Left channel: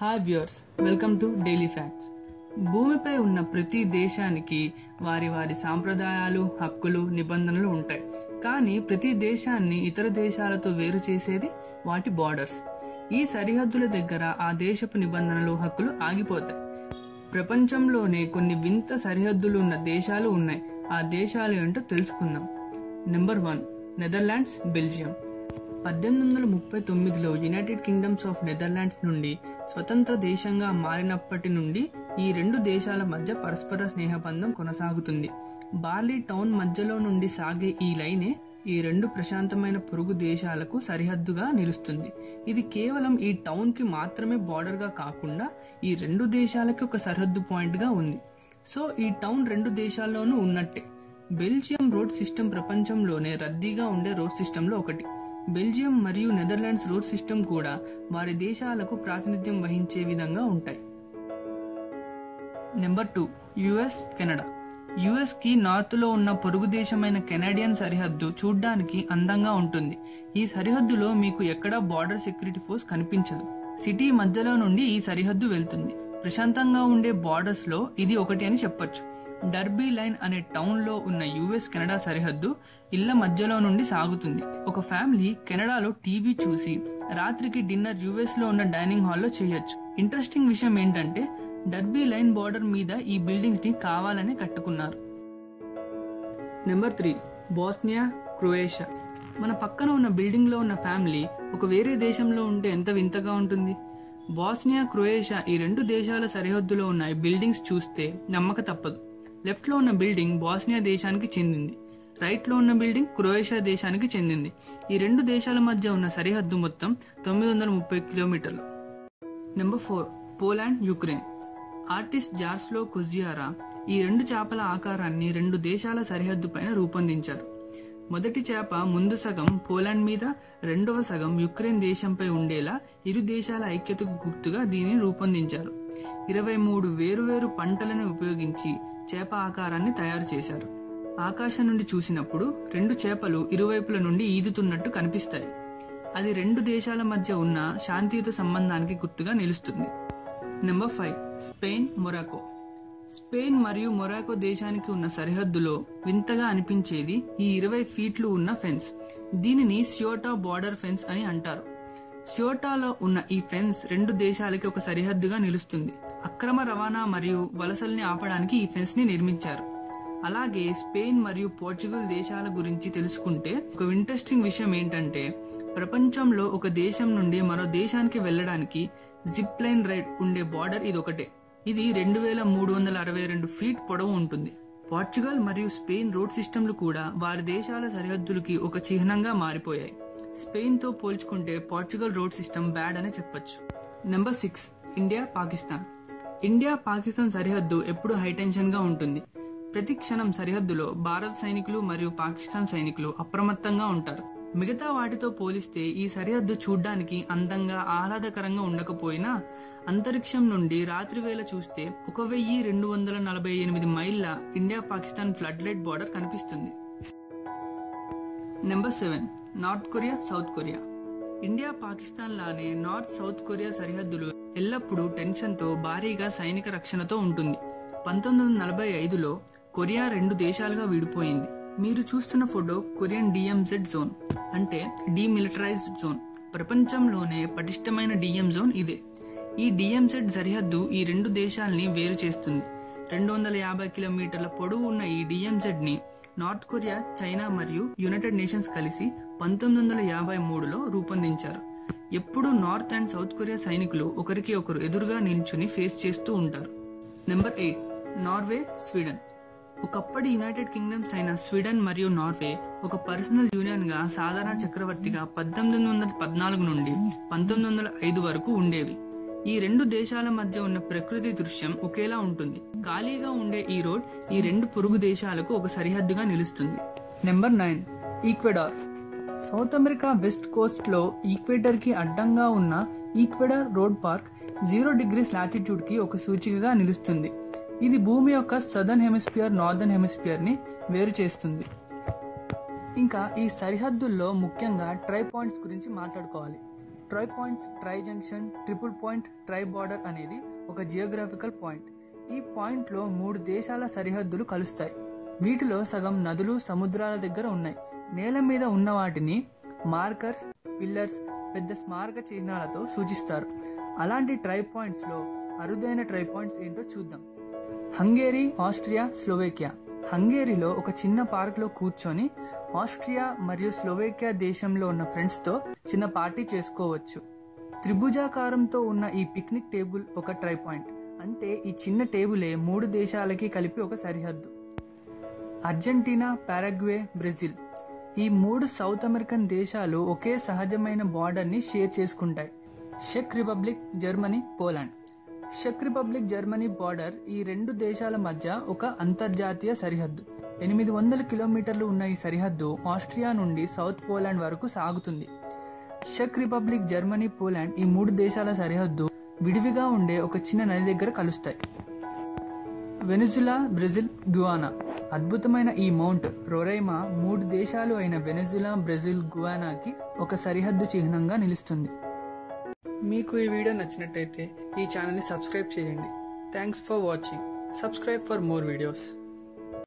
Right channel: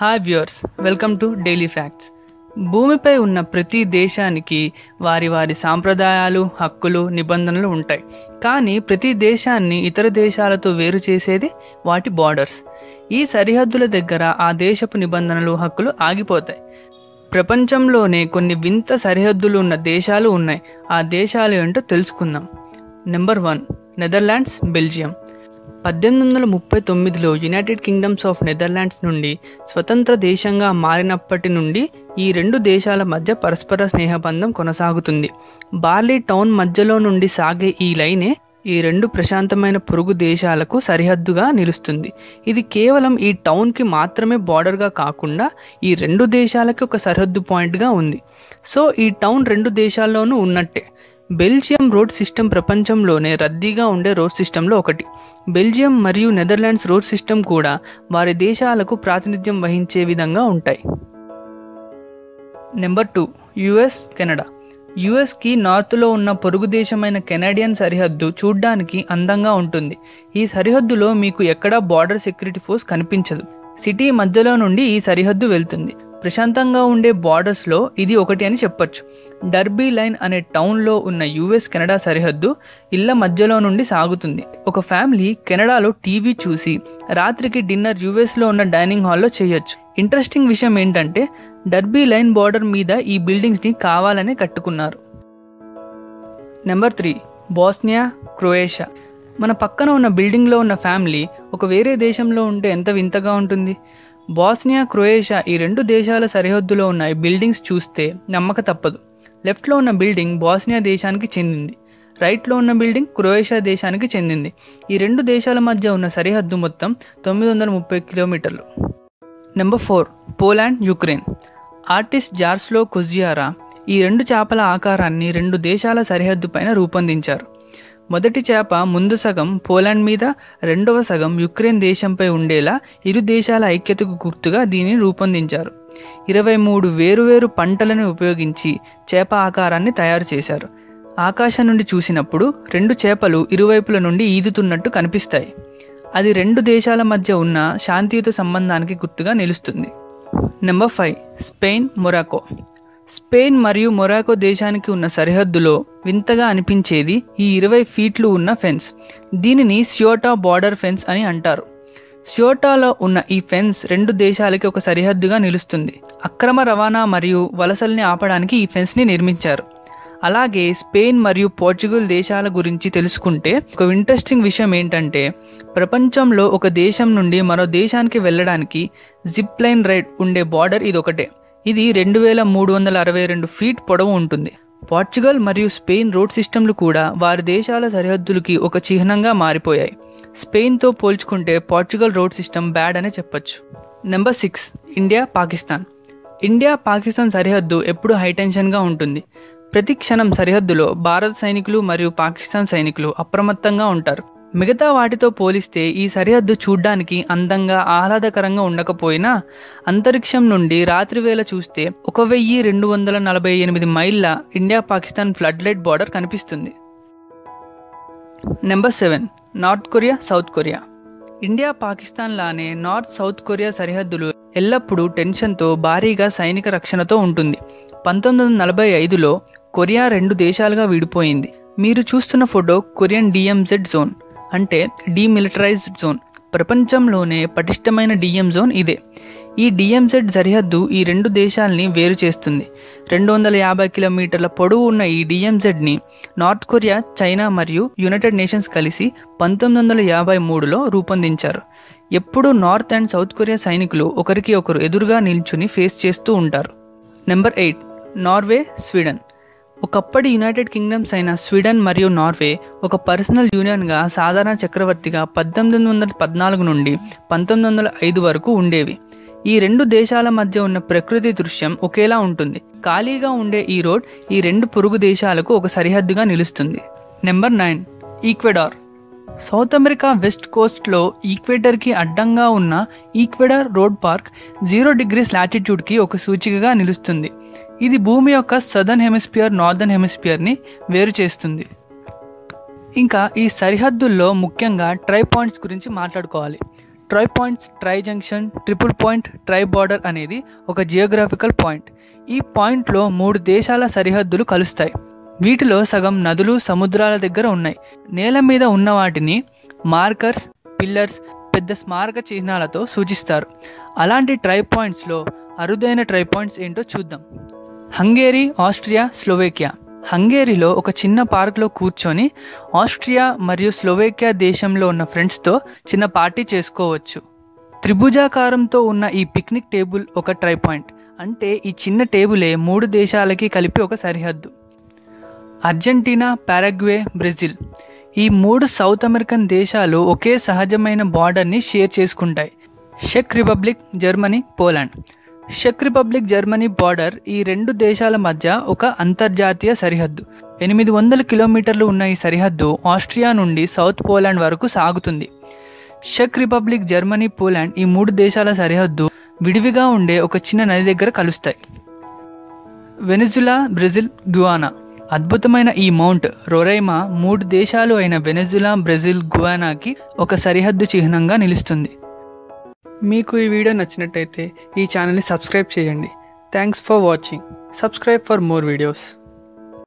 Hi viewers, welcome to daily facts. భూమిపై ఉన్న ప్రతి దేశానికి వారి వారి సాంప్రదాయాలు, హక్కులు, నిబంధనలు ఉంటాయి. కానీ ప్రతి దేశాన్ని ఇతర దేశాలతో వేరు చేసేది వాటి బార్డర్స్. ఈ సరిహద్దుల దగ్గర ఆ దేశపు నిబంధనలు, హక్కులు ఆగిపోతాయి. ప్రపంచంలోనే కొన్ని వింత సరిహద్దులు ఉన్న దేశాలు ఉన్నాయి. ఆ దేశాలు ఏంటో తెలుసుకుందాం. Number 1, Netherlands, Belgium. 1839లో యునైటెడ్ కింగ్డమ్స్ ఆఫ్ నెదర్లాండ్స్ నుండి స్వతంత్ర దేశంగా మారినప్పటి నుండి ఈ రెండు దేశాల మధ్య పరస్పర స్నేహబంధం కొనసాగుతుంది. బార్లీ టౌన్ మధ్యలో నుండి సాగే ఈ లైనే ఈ రెండు ప్రశాంతమైన పొరుగు దేశాలకు సరిహద్దుగా నిలుస్తుంది. ఇది కేవలం ఈ టౌన్కి మాత్రమే బార్డర్గా కాకుండా ఈ రెండు దేశాలకి ఒక సరిహద్దు పాయింట్గా ఉంది. సో ఈ టౌన్ రెండు దేశాల్లోనూ ఉన్నట్టే. బెల్జియం రోడ్ సిస్టమ్ ప్రపంచంలోనే రద్దీగా ఉండే రోడ్ సిస్టంలో ఒకటి. బెల్జియం మరియు నెదర్లాండ్స్ రోడ్ సిస్టమ్ కూడా వారి దేశాలకు ప్రాతినిధ్యం వహించే విధంగా ఉంటాయి. Number 2, US, Canada. యుఎస్కి నార్త్లో ఉన్న పొరుగు దేశమైన కెనడియన్ సరిహద్దు చూడ్డానికి అందంగా ఉంటుంది. ఈ సరిహద్దులో మీకు ఎక్కడా బార్డర్ సెక్యూరిటీ ఫోర్స్ కనిపించదు. సిటీ మధ్యలో నుండి ఈ సరిహద్దు వెళ్తుంది. ప్రశాంతంగా ఉండే బార్డర్స్లో ఇది ఒకటి అని చెప్పొచ్చు. డర్బీ లైన్ అనే టౌన్లో ఉన్న యుఎస్ కెనడా సరిహద్దు ఇళ్ల మధ్యలో నుండి సాగుతుంది. ఒక ఫ్యామిలీ కెనడాలో టీవీ చూసి రాత్రికి డిన్నర్ యుఎస్లో ఉన్న డైనింగ్ హాల్లో చేయొచ్చు. ఇంట్రెస్టింగ్ విషయం ఏంటంటే డర్బీ లైన్ బార్డర్ మీద ఈ బిల్డింగ్స్ని కావాలనే కట్టుకున్నారు. Number 3, Bosnia, Croatia. మన పక్కన ఉన్న బిల్డింగ్లో ఉన్న ఫ్యామిలీ ఒక వేరే దేశంలో ఉంటే ఎంత వింతగా ఉంటుంది. బోస్నియా, క్రొయేషియా ఈ రెండు దేశాల సరిహద్దులో ఉన్న ఈ బిల్డింగ్స్ చూస్తే నమ్మక తప్పదు. లెఫ్ట్లో ఉన్న బిల్డింగ్ బోస్నియా దేశానికి చెందింది, రైట్లో ఉన్న బిల్డింగ్ క్రొయేషియా దేశానికి చెందింది. ఈ రెండు దేశాల మధ్య ఉన్న సరిహద్దు మొత్తం 930 కిలోమీటర్లు. Number 4, Poland, Ukraine. ఆర్టిస్ట్ జార్స్లో కొజియారా ఈ రెండు చేపల ఆకారాన్ని రెండు దేశాల సరిహద్దు పైన రూపొందించారు. మొదటి చేప ముందు సగం పోలాండ్ మీద, రెండవ సగం యుక్రెయిన్ దేశంపై ఉండేలా ఇరు దేశాల ఐక్యతకు గుర్తుగా దీనిని రూపొందించారు. 23 వేరువేరు పంటలను ఉపయోగించి చేప ఆకారాన్ని తయారు చేశారు. ఆకాశం నుండి చూసినప్పుడు రెండు చేపలు ఇరువైపుల నుండి ఈదుతున్నట్టు కనిపిస్తాయి. అది రెండు దేశాల మధ్య ఉన్న శాంతియుత సంబంధానికి గుర్తుగా నిలుస్తుంది. Number 5, Spain, Morocco. స్పెయిన్ మరియు మొరాకో దేశానికి ఉన్న సరిహద్దులో వింతగా అనిపించేది ఈ 20 ఫీట్లు ఉన్న ఫెన్స్. దీనిని సియోటా బార్డర్ ఫెన్స్ అని అంటారు. సియోటాలో ఉన్న ఈ ఫెన్స్ రెండు దేశాలకి ఒక సరిహద్దుగా నిలుస్తుంది. అక్రమ రవాణా మరియు వలసల్ని ఆపడానికి ఈ ఫెన్స్ని నిర్మించారు. అలాగే స్పెయిన్ మరియు పోర్చుగల్ దేశాల గురించి తెలుసుకుంటే ఒక ఇంట్రెస్టింగ్ విషయం ఏంటంటే ప్రపంచంలో ఒక దేశం నుండి మరో దేశానికి వెళ్ళడానికి జిప్ లైన్ రైడ్ ఉండే బార్డర్ ఇదొకటే. ఇది 2362 ఫీట్ పొడవు ఉంటుంది. పోర్చుగల్ మరియు స్పెయిన్ రోడ్ సిస్టమ్లు కూడా వారి దేశాల సరిహద్దులకి ఒక చిహ్నంగా మారిపోయాయి. స్పెయిన్తో పోల్చుకుంటే పోర్చుగల్ రోడ్ సిస్టమ్ బ్యాడ్ అనే చెప్పొచ్చు. Number 6, India, Pakistan. India Pakistan సరిహద్దు ఎప్పుడు హైటెన్షన్గా ఉంటుంది. ప్రతి క్షణం సరిహద్దులో భారత సైనికులు మరియు పాకిస్తాన్ సైనికులు అప్రమత్తంగా ఉంటారు. మిగతా వాటితో పోలిస్తే ఈ సరిహద్దు చూడ్డానికి అందంగా, ఆహ్లాదకరంగా ఉండకపోయినా అంతరిక్షం నుండి రాత్రి వేళ చూస్తే 1248 మైళ్ళ India Pakistan flood light border కనిపిస్తుంది. Number 7, North Korea, South Korea. India Pakistan లానే నార్త్ సౌత్ కొరియా సరిహద్దులు ఎల్లప్పుడూ టెన్షన్తో, భారీగా సైనిక రక్షణతో ఉంటుంది. 1945లో కొరియా రెండు దేశాలుగా విడిపోయింది. మీరు చూస్తున్న ఫోటో కొరియన్ DMZ జోన్, అంటే డీమిలిటరైజ్డ్ జోన్. ప్రపంచంలోనే పటిష్టమైన DM జోన్ ఇదే. ఈ DMZ సరిహద్దు ఈ రెండు దేశాలని వేరు చేస్తుంది. 250 కిలోమీటర్ల పొడవు ఉన్న ఈ DMZని నార్త్ కొరియా, చైనా మరియు యునైటెడ్ నేషన్స్ కలిసి 1953లో రూపొందించారు. ఎప్పుడూ నార్త్ అండ్ సౌత్ కొరియా సైనికులు ఒకరికి ఒకరు ఎదురుగా నిల్చుని ఫేస్ చేస్తూ ఉంటారు. Number 8, Norway, Sweden. ఒకప్పటి యునైటెడ్ కింగ్డమ్స్ అయిన స్వీడన్ మరియు నార్వే ఒక పర్సనల్ యూనియన్గా సాధారణ చక్రవర్తిగా 1814 నుండి 1905 వరకు ఉండేవి. ఈ రెండు దేశాల మధ్య ఉన్న ప్రకృతి దృశ్యం ఒకేలా ఉంటుంది. ఖాళీగా ఉండే ఈ రోడ్ ఈ రెండు పొరుగు దేశాలకు ఒక సరిహద్దుగా నిలుస్తుంది. Number 9, Ecuador. South America West కోస్ట్లో ఈక్వేటర్కి అడ్డంగా ఉన్న ఈక్వెడార్ రోడ్ పార్క్ 0 degrees లాటిట్యూడ్కి ఒక సూచికగా నిలుస్తుంది. ఇది భూమి యొక్క సదర్న్ హెమిస్ఫియర్, నార్దర్న్ హెమిస్ఫియర్ని వేరు చేస్తుంది. ఇంకా ఈ సరిహద్దుల్లో ముఖ్యంగా ట్రై పాయింట్స్ గురించి మాట్లాడుకోవాలి. Try points, tri junction, triple point, try border అనేది ఒక జియోగ్రాఫికల్ పాయింట్. ఈ పాయింట్లో 3 దేశాల సరిహద్దులు కలుస్తాయి. వీటిలో సగం నదులు, సముద్రాల దగ్గర ఉన్నాయి. నేల మీద ఉన్న వాటిని మార్కర్స్, పిల్లర్స్, పెద్ద స్మారక చిహ్నాలతో సూచిస్తారు. అలాంటి ట్రై పాయింట్స్లో అరుదైన ట్రై పాయింట్స్ ఏంటో చూద్దాం. హంగేరీ, ఆస్ట్రియా, స్లోవేకియా. హంగేరీలో ఒక చిన్న పార్క్లో కూర్చొని ఆస్ట్రియా మరియు స్లోవేకియా దేశంలో ఉన్న ఫ్రెండ్స్తో చిన్న పార్టీ చేసుకోవచ్చు. త్రిభుజాకారంతో ఉన్న ఈ పిక్నిక్ టేబుల్ ఒక ట్రై పాయింట్. అంటే ఈ చిన్న టేబులే 3 దేశాలకి కలిపి ఒక సరిహద్దు. Argentina, Paraguay, Brazil. ఈ 3 సౌత్ అమెరికన్ దేశాలు ఒకే సహజమైన బార్డర్ని షేర్ చేసుకుంటాయి. Check republic, Germany, Poland. Check republic, Germany border ఈ 2 దేశాల మధ్య ఒక అంతర్జాతీయ సరిహద్దు. 800 కిలోమీటర్లు ఉన్న ఈ సరిహద్దు ఆస్ట్రియా నుండి సౌత్ పోలాండ్ వరకు సాగుతుంది. చెక్ రిపబ్లిక్, జర్మనీ, పోలాండ్ ఈ 3 దేశాల సరిహద్దు విడివిగా ఉండే ఒక చిన్న నది దగ్గర కలుస్తాయి. Venezuela, Brazil, Guyana. అద్భుతమైన ఈ మౌంట్ రొరైమా 3 దేశాలు అయిన వెనిజులా, బ్రెజిల్, గుయానాకి ఒక సరిహద్దు చిహ్నంగా నిలుస్తుంది. మీకు ఈ వీడియో నచ్చినట్టయితే ఈ ఛానల్ని సబ్స్క్రైబ్ చేయండి. Thanks for watching. Subscribe for more videos.